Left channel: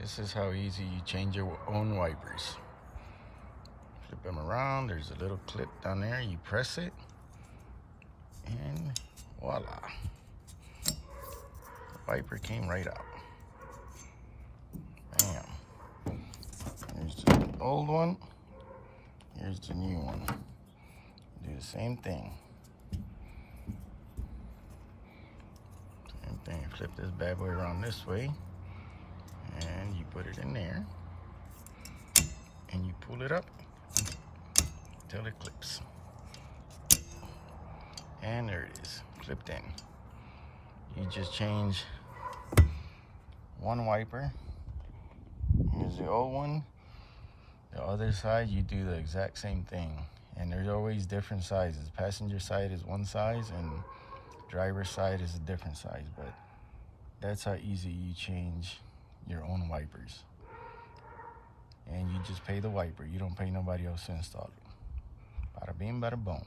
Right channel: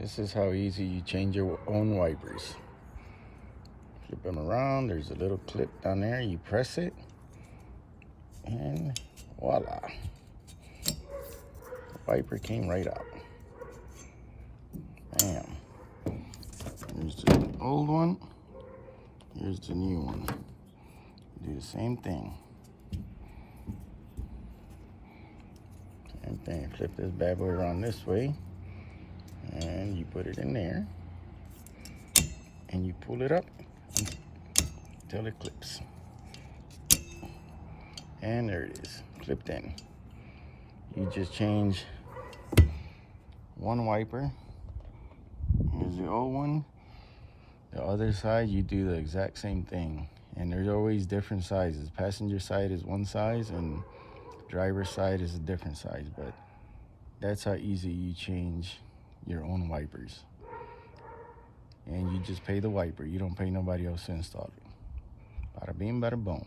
This is how easy you change your own wipers. Flip them around. There's a little clip down there. You press it, and voila. The wiper came right out. Bam. Here's the old one. Here's the new one. Do the same thing. Same thing. Flip this bad boy around this way, and you put it in there, and you pull it up until it clips. And there it is, clipped in. You just change one wiper. Here's the old one. The other side, you do the exact same thing. And there's always different sizes. Passenger side is one size, and driver's side is a different size. But that's how easy you change your own wipers. And you just pay the wiper. You don't pay nobody else to install it. Bada bing, bada boom.